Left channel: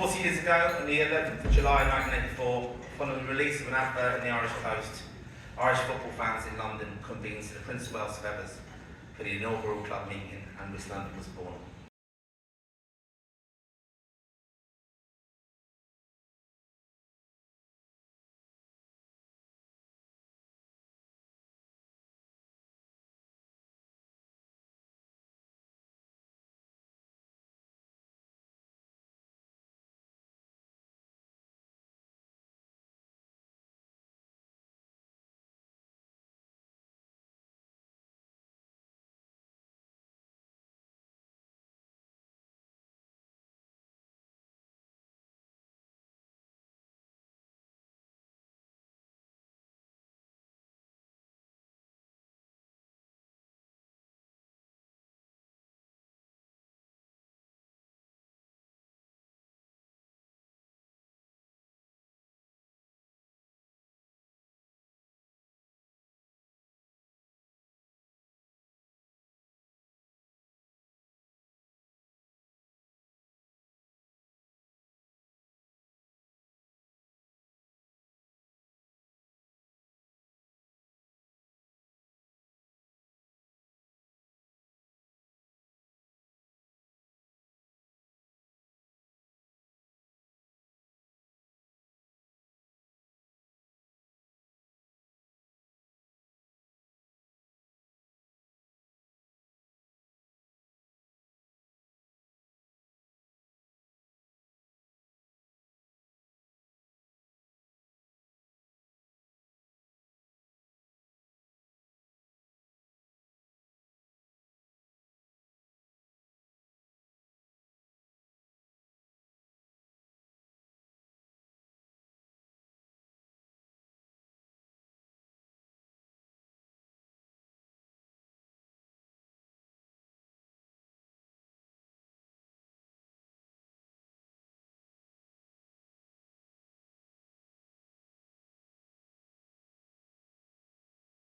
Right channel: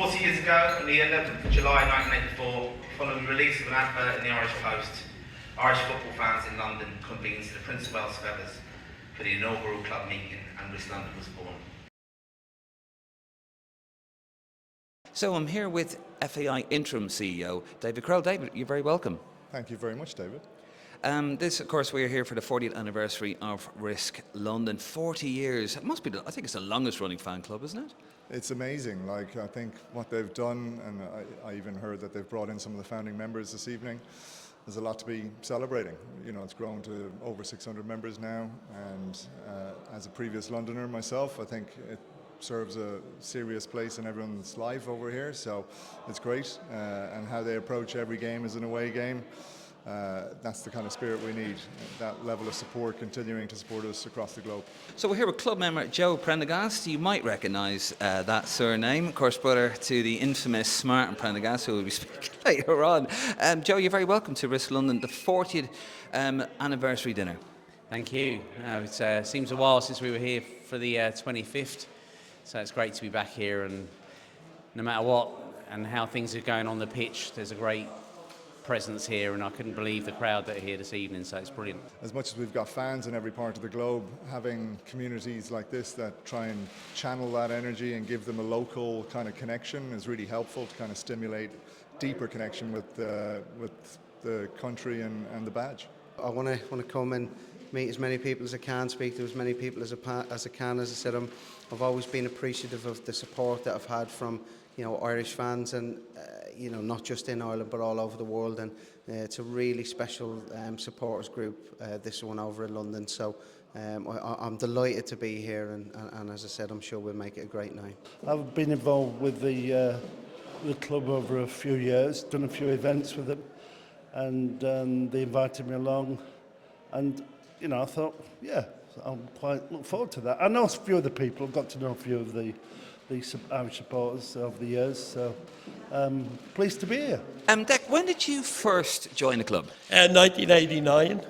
40 years ago, on the 11th of July 1984, following the release of an advert in the Irish Post, Irish football fans in London convened to the Prince of Wales Feathers for the inaugural club meeting, and RISSC London was born. So I'm here with FAI Interim CEO David Courell. David, you're very welcome. Thank you very much, David. This, of course, we're here for the 40th anniversary of RISSC London. 40 years. It must be, I think it's the longest running fan club, isn't it? It's amazing. I think what they've done, and I even heard that they've brought in some of the founding members this evening. There's a lot to be celebrating. You know, it's grown to over 600 members now, and as a previous Londoner myself, I think it serves a serious place in everyone's life over here, so it's great. And how they approach every game as an away game. That's the kind of spirit we need, that level of support, continuing to support us across the globe. So we're here with club member Joe Prendergast. You might recognise that surname, of course, brother to the infamous Martin Prendergast, who will be speaking later on. Joe, you're very welcome to RISSC London, the 40th anniversary dinner. Thank you. It seems a while since we were here for the 25th, so it's great to be back here, and no matter what and how things are going on the pitch, there's a great presence here, and I couldn't believe the crowd that are here this evening, so it's brilliant. As much as we've got fans in every part of the globe, having communities like this that try and channel that energy and give them a local kind of connection is really helpful to kind of stimulate deeper connection with the country and the badge. I want to come and meet as many people as I can, speak to as many people as I can. As I said, I've always been appreciative of the support that I've had from Irish fans, and not just in Ireland but all over the world, and it's a really special supporters group, this one over in London, so I'm delighted to be here, and as I said, I'm sure we'll make it a great night. I've been involved with the club over a few years, done a few events with them, and they invited me along, and I thought, yeah, I'm quite look forward to that. I know a few of the people, I've got to know a few of the Irish supporters over the years, so pleased to be here. Dick, when did you first join the club? 1989.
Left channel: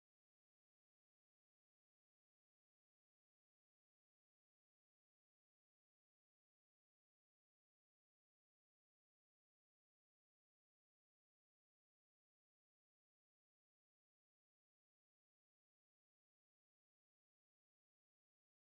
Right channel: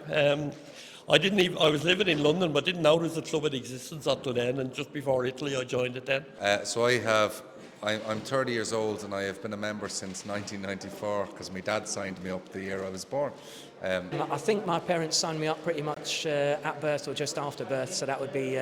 I was living in London, but didn't know there was a club in existence until then, and just before Italy I joined it then. I'm 30 years old, and I have been a member since 1994 because my dad signed me up the year I was born. I think my parents signed me up pretty much at birth or just after birth, so that would be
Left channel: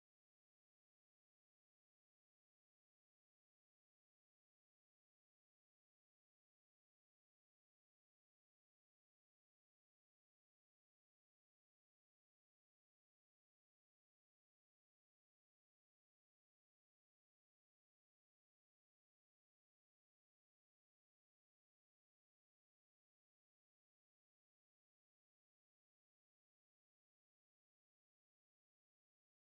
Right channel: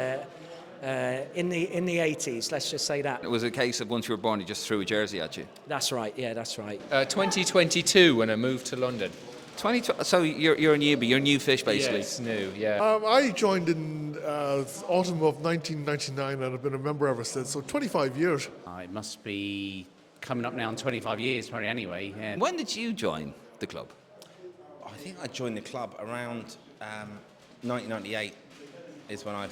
in the 80s, let's just say that. It was a case of once you were born, you just threw a jersey at you. That's right, yeah, that's right. 2022 when I moved to London. So you're a newbie, you're a new fish basically. Yes, new, yeah. I joined in autumn of 1999 and I've been a member ever since, so 25 years. It must be coming up now in 25 years, probably anyway. Yeah. When did you join the club? I think I joined the club around 1998. Is when I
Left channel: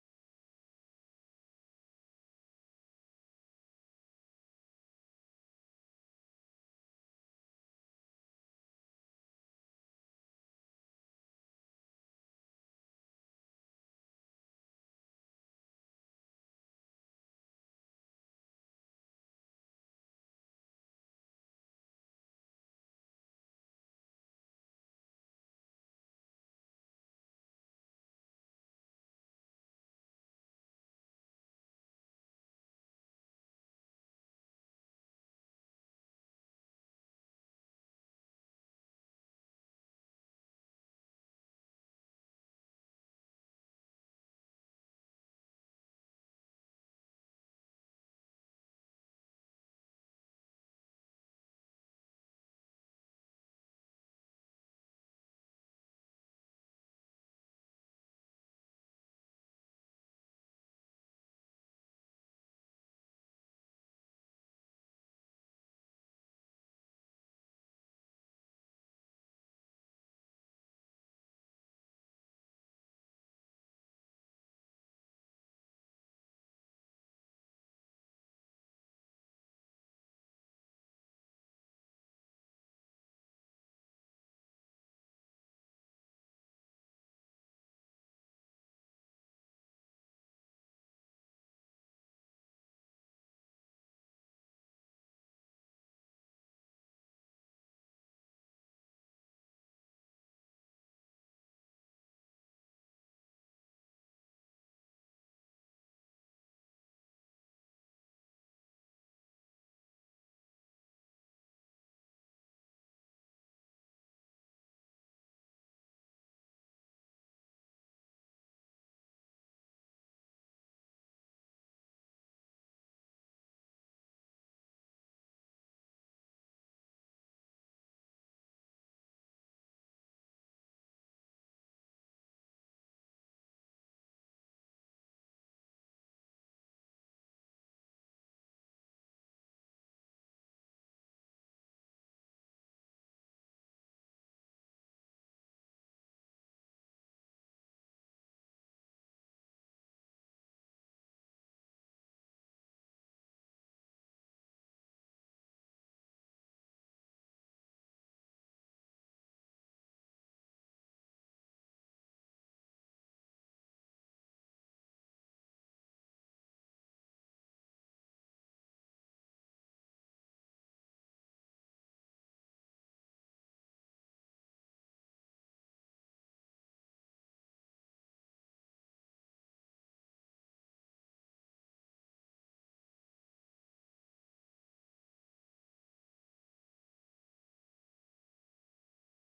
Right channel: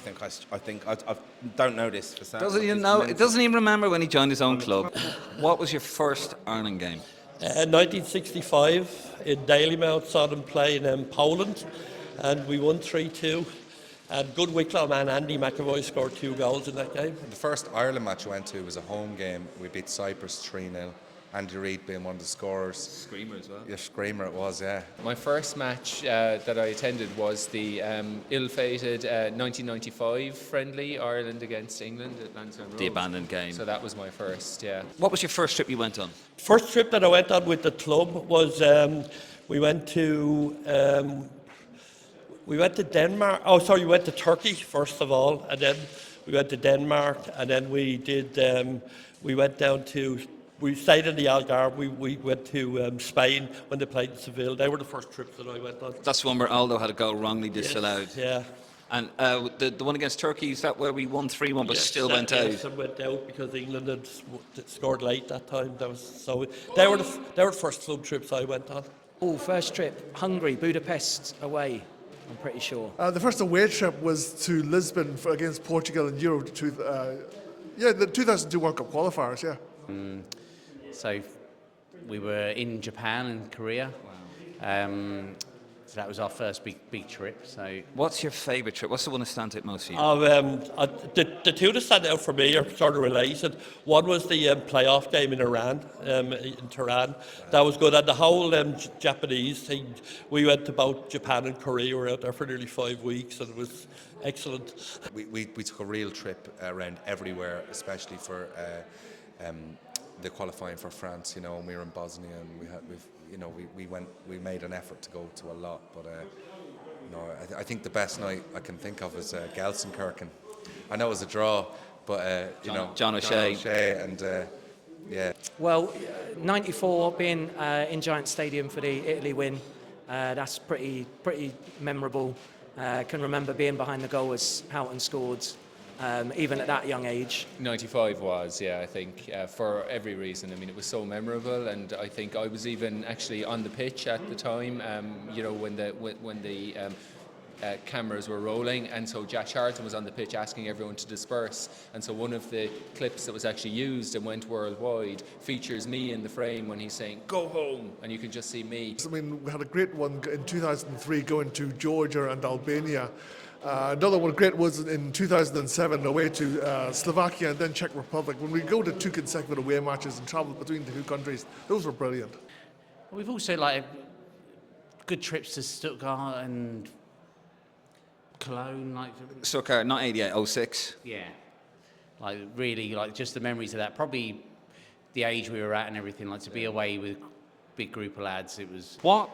don't know this for certain. Doesn't even know? It doesn't even remember when he joined his own club. What was your first Ireland game? 1965 in Dalymount, saw them play in Poland, and we won 3-2. And good Wicklow man Andy McAvoy scored 2 goals in that game. The first Ireland match I went to was a home game. We beat Cyprus 3-0. Andy Reid being one of the scorers. Screamer as well. Yeah, screamer it was, yeah. My first match that I attended was the ill-fated 1995 friendly, Ireland against England at Lansdowne Road. The abandoned game. So that was my first, yeah. What was your first trip you went on? First trip that I went on with the club was we went to Denmark. We went to Turkey first of all, and then we went to Denmark, and then we went down to. We stayed in the Algarve. We went to Spain when they played in Seville. They were the first trips that I went on. That's the one where Aldo had a goal wrongly disallowed. Yes, yeah. And the one against Turkey, is that where we won 3-1 but still went out? Yes, and went out because England had scored late that time. They were the first club trips I went on. Oh, first trip, Hungary, Budapest away, I'm pretty sure. The first away trip was to Lisbon against Portugal in Euro. The 2002 World Cup qualifiers, yeah. So we were in Japan and Korea. Wow. So that was our first big trip. So, what's your favourite trip? What's the one that stands out most for you? The two that stand out for me are sort of related. One was the playoff game in Iran, in Tehran. That was good. And the whole Japanese thing, we went to both Japan and Korea. We were out there for nearly 5 weeks, and it was excellent. We took a real trip around everywhere, especially for the qualifying for France, and we were in Bosnia, and we made an effort to go to a lot. But I think the best night I can think of is Gelsenkirchen. I know it was a draw, but John O'Shea. And yeah. Well, 94 being in Giant Stadium for the Italy win, that's pretty memorable. Can remember being behind the goal as Houghton scored, even at that young age. 95 was, yeah, I think, for every reason. I mean, it was so memorable, and I think I was even actually on the pitch at the time, when the cameras were rolling, and so Jack Charlton was on the pitch asking everyone to disperse, and so one of the clips that was actually used and went worldwide features me in the frame when he's saying, "Go home," and you can just see me. I mean, we had a great one in 2003 going to Georgia and Albania. Another one great was in 2007 away to Slovakia and then Czech Republic. When we go to 2 consecutive away matches and travel between the 2 countries, those were brilliant. We've also good trips to Stuttgart and Cologne, Stuttgart, not 88, 06. Yeah, really, just the memories of that. Probably the age we were at and everything. To be away with a big group of lads, it was. What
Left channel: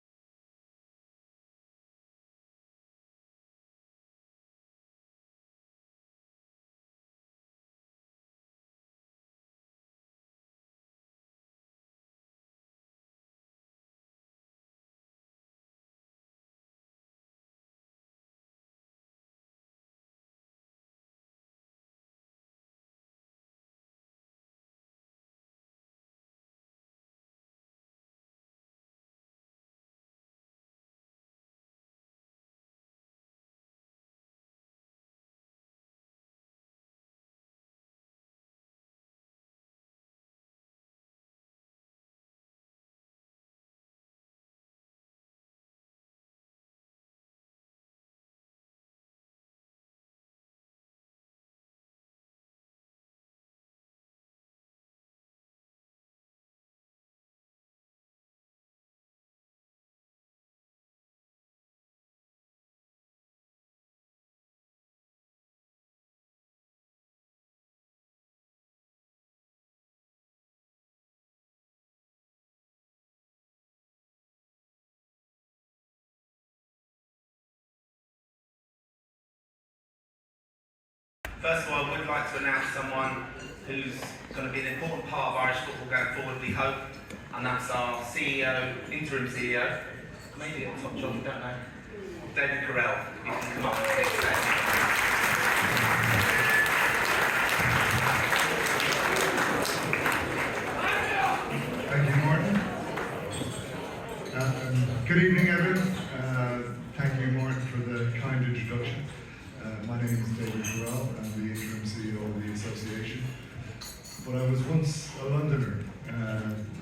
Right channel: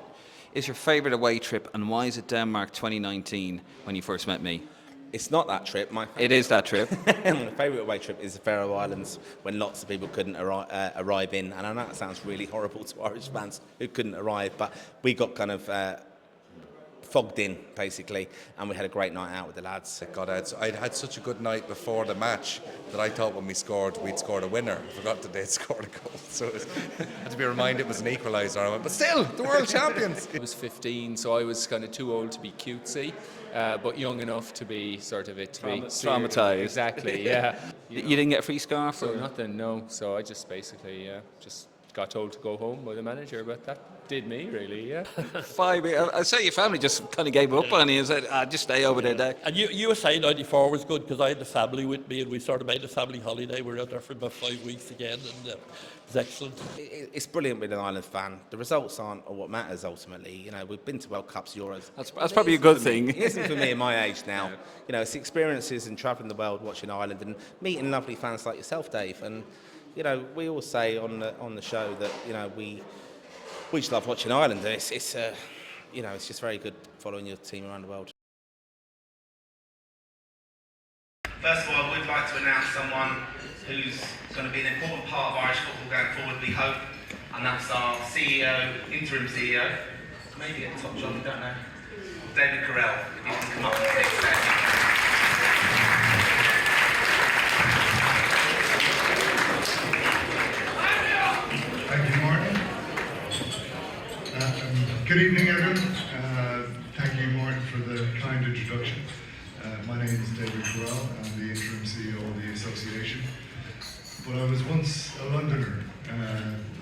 is your favourite away trip, and why is it Denmark 2019 when you first met me? It's not that trip. It is that trip. My favourite away trip is the Faroe Islands, when lots of people couldn't arrive in. And I know that sounds really horrible to Irish fans who couldn't arrive, but we got kind of fogged in, basically, and we had a great night out with the lads. I'd had such a good night before the match that I thought when we scored, we'd scored a winner. I forgot that they'd scored a goal, so I had to be reminded it was an equaliser. I went, but still, the world champions. I was 15, so I was kind of too old to be cutesy, but young enough to be sort of traumatised. Exactly, yeah. You didn't get a free scarf? So nothing, no. So I just basically just got told to go home by the manager, but that did me, really, yeah. 5 years. I say your family just kind of gave up on you and said, just stay over there, Dad. And USA 94 was good because I had the family with me, and we sort of made a family holiday. We were out there for about 5 weeks again, and it was excellent. It's brilliant with an Ireland fan. The results aren't what matters ultimately. We've been to World Cups, Euros. That's probably a good thing. It isn't for me at my age now. It's the experiences and travelling the world, watching Ireland, and meeting lovely fans like yourself, Dave. And we all say on the show that we just love watching Ireland, and it's just very good following your team around the world. First of all, I would like to announce someone who's going to be an important part of Irish football going forward, we hope, and that's our CEO, interim CEO, maybe at the top job, we don't know, David Courell. If you can come up and speak there. Thank you, Martin. Good evening, everyone. Thank you, Martin, for the kind introduction. My name is David Courell. I'm the interim CEO of the association. But I was once a Londoner.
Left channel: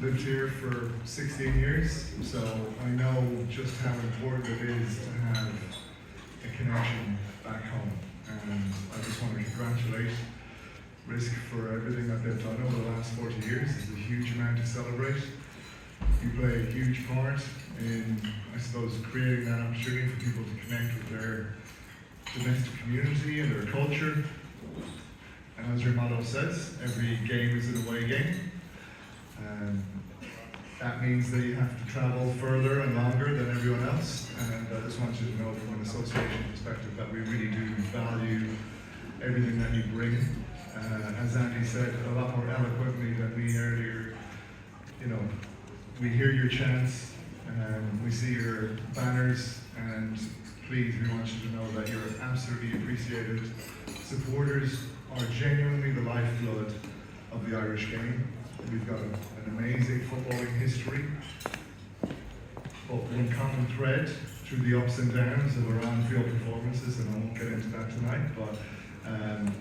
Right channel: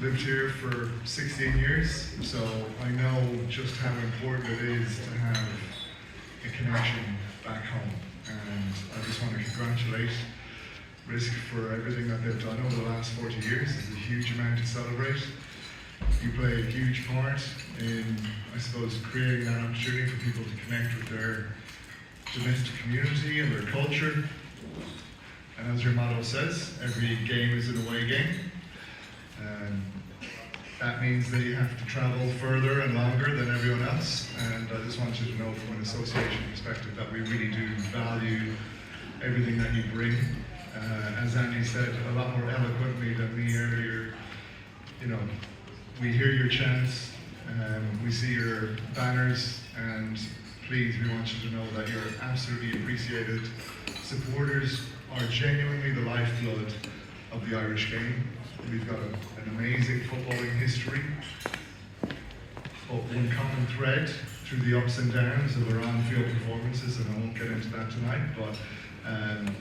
Lived here for 16 years, so I know just how important it is to have a connection back home. And I just want to congratulate RISSC for everything that they've done over the last 40 years. It's a huge amount to celebrate. You play a huge part in, I suppose, creating that opportunity for people to connect with their domestic community and their culture. And as your motto says, every game is an away game. That means that you have to travel further and longer than everyone else. And I just want you to know from an association perspective that we really do value everything that you bring. As Andy said a lot more eloquently than me earlier, we hear your chants, we see your banners, and please, we want you to know that you're absolutely appreciated. Supporters are genuinely the lifeblood of the Irish game. We've got an amazing footballing history, but one common thread through the ups and downs of our on-field performances, and I won't get into that tonight, but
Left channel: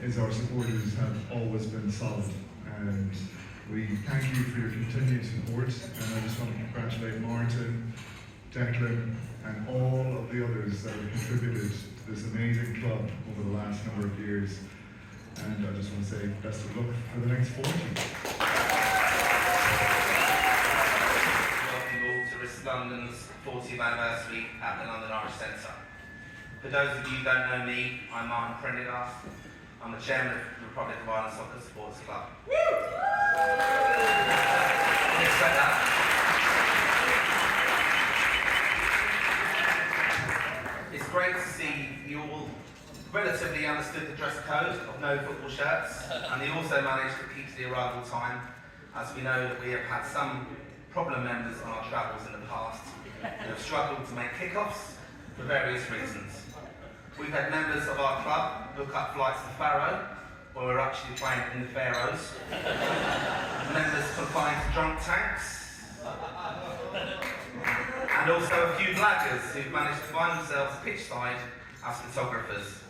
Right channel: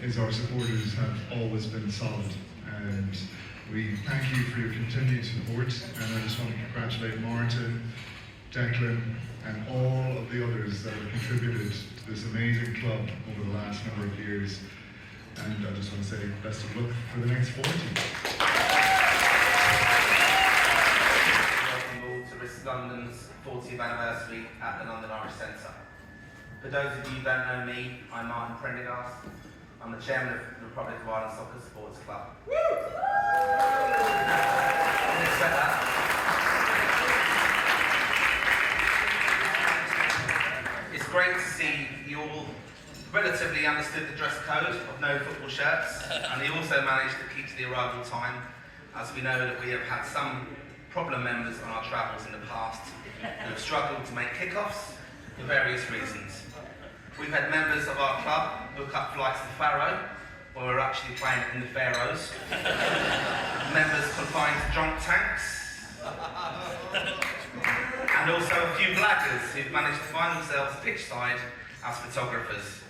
is our supporters have always been solid. And we thank you for your continued support, and I just want to congratulate Martin, Declan, and all of the others that have contributed to this amazing club over the last number of years. And I just want to say best of luck for the next 40. Welcome all to RISSC London's 40th anniversary at the London Irish Centre. For those of you who don't know me, I'm Martin Prendergast. I'm the chairman of the Republic of Ireland Soccer Supporters Club. Accept that. It's great to see you all relatively understood the dress code of no football shirts, and you also managed to keep to the arrival time, as we know that we have had some problem members on our travels in the past who have struggled to make kickoffs for various reasons. We've had members of our club book up flights to Faro, where we're actually playing in the Faroes. Members confined to drunk tanks. And also a few blaggers who've managed to find themselves pitchside as photographers.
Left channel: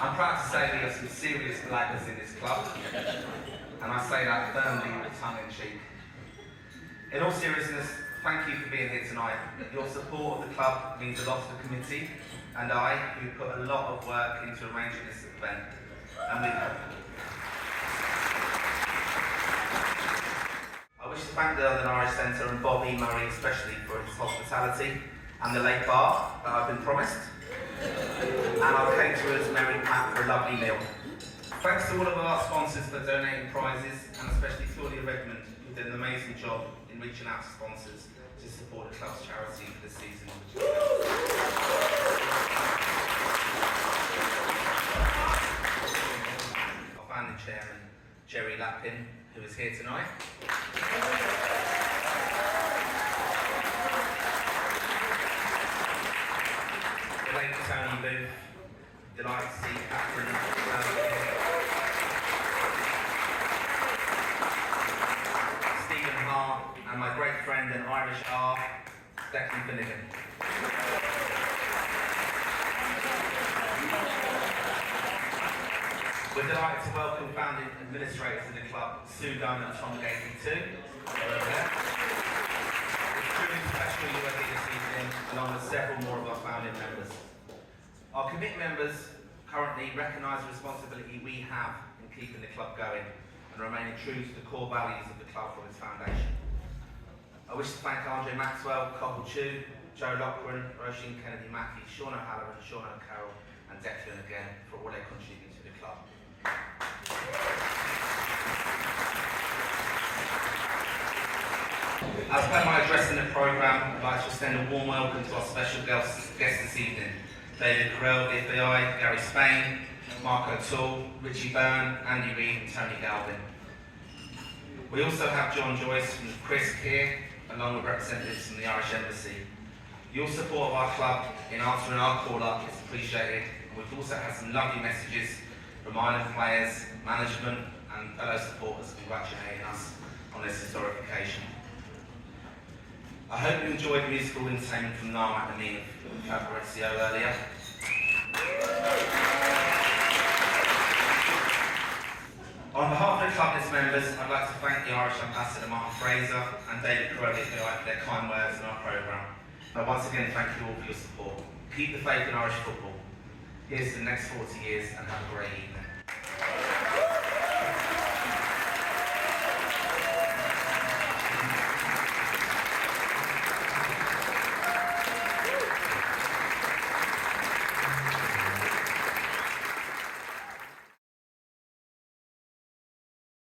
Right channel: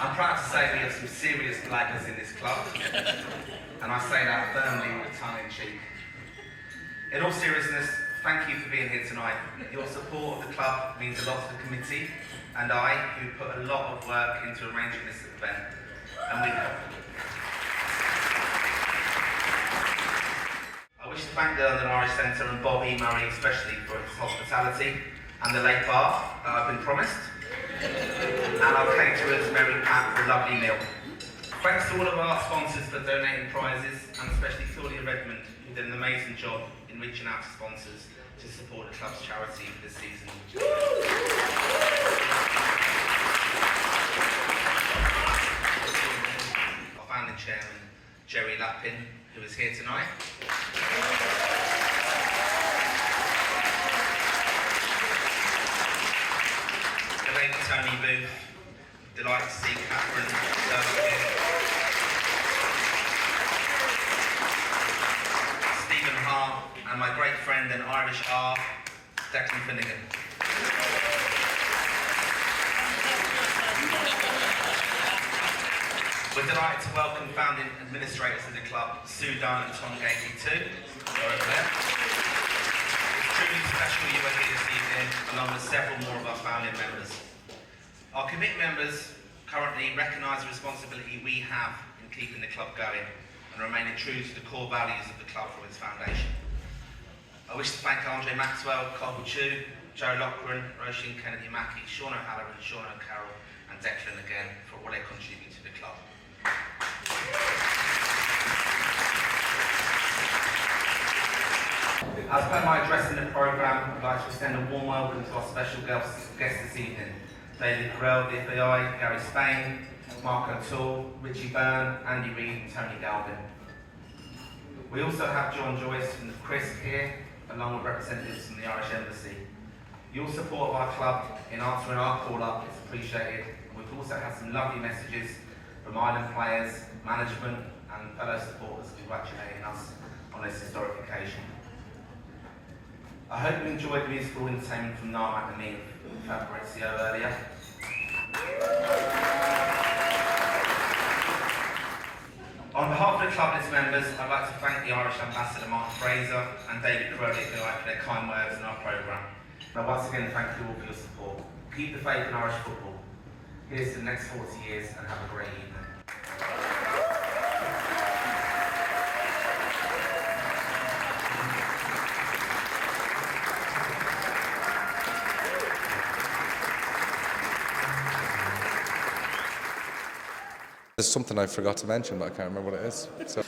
I'm proud to say we have some serious blaggers in this club, and I say that firmly with tongue in cheek. In all seriousness, thank you for being here tonight. Your support of the club means a lot to the committee and I, who put a lot of work into arranging this event, and we help. I wish to thank the London Irish Centre and Bobby Murray especially for his hospitality and the late bar that I've been promised, and our caterers Mary and Pat for a lovely meal. Thanks to all of our sponsors for donating prizes, and especially Claudia Redmond, who did an amazing job in reaching out to sponsors to support the club's charity for this season. Our founding chairman, Jerry Lappin, who is here tonight. The lady Tony Booth, delighted to see Catherine here. Stephen Hart, and my great friend and Irish R, Declan Finnegan. We're delighted to welcome founding administrators of the club, Sue Dunn and Tom Galvin too. They're over there. It's truly special you are here this evening, along with several more of our founding members. Our commit members currently recognise the responsibility we have in keeping the club going and remaining true to the core values of the club from its foundation. I wish to thank Andre Maxwell, Cobble Chew, Joe Loughran, Roisin Kennedy Mackie, Sean O'Halloran, Sean O'Carroll and Declan again for all they contribute to the club. As per my address in the programme, I'd like to extend a warm welcome to our special guests this evening. David Courell, the FAI, Gary Spain, Mark O'Toole, Richie Byrne, Andy Reid and Tony Galvin. We also have John Joyce from the RISSC here, along with representatives from the Irish Embassy. Your support of our club in answering our call-up is appreciated. We've also had some lovely messages from Ireland players, management and fellow supporters congratulating us on this historic occasion. I hope you enjoyed the musical entertainment from Narm at the meeting with Fabrizio earlier. On behalf of the club and its members, I'd like to thank the Irish Ambassador Martin Fraser and David Courell for their kind words in our programme. And I once again thank you all for your support. Keep the faith in Irish football. Here's to the next 40 years and have a great evening. There's something I forgot to mention, but I can't remember what it is. So.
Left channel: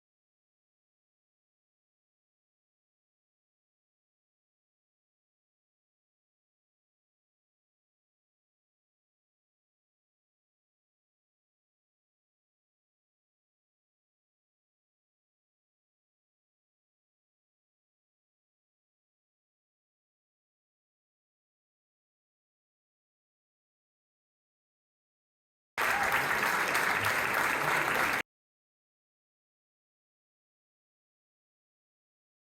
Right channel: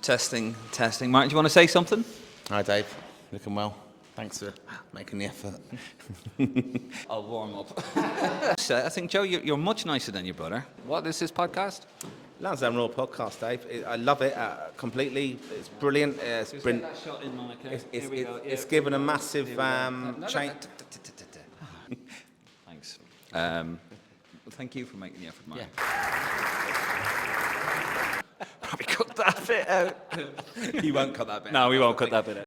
Testing. Martin, do you want to say something? Hi Dave, looking well. Thanks for making the effort. I'll warm up. I think, Joe, you're much nicer than your brother. What is this podcast? Lansdowne Royal podcast, Dave. I love it completely. It's brilliant. It's given a massive change. Thanks. Thank you for making the effort, Martin. Yeah. Probably cut that bit out. You won't cut that bit out. No, we won't cut that bit out.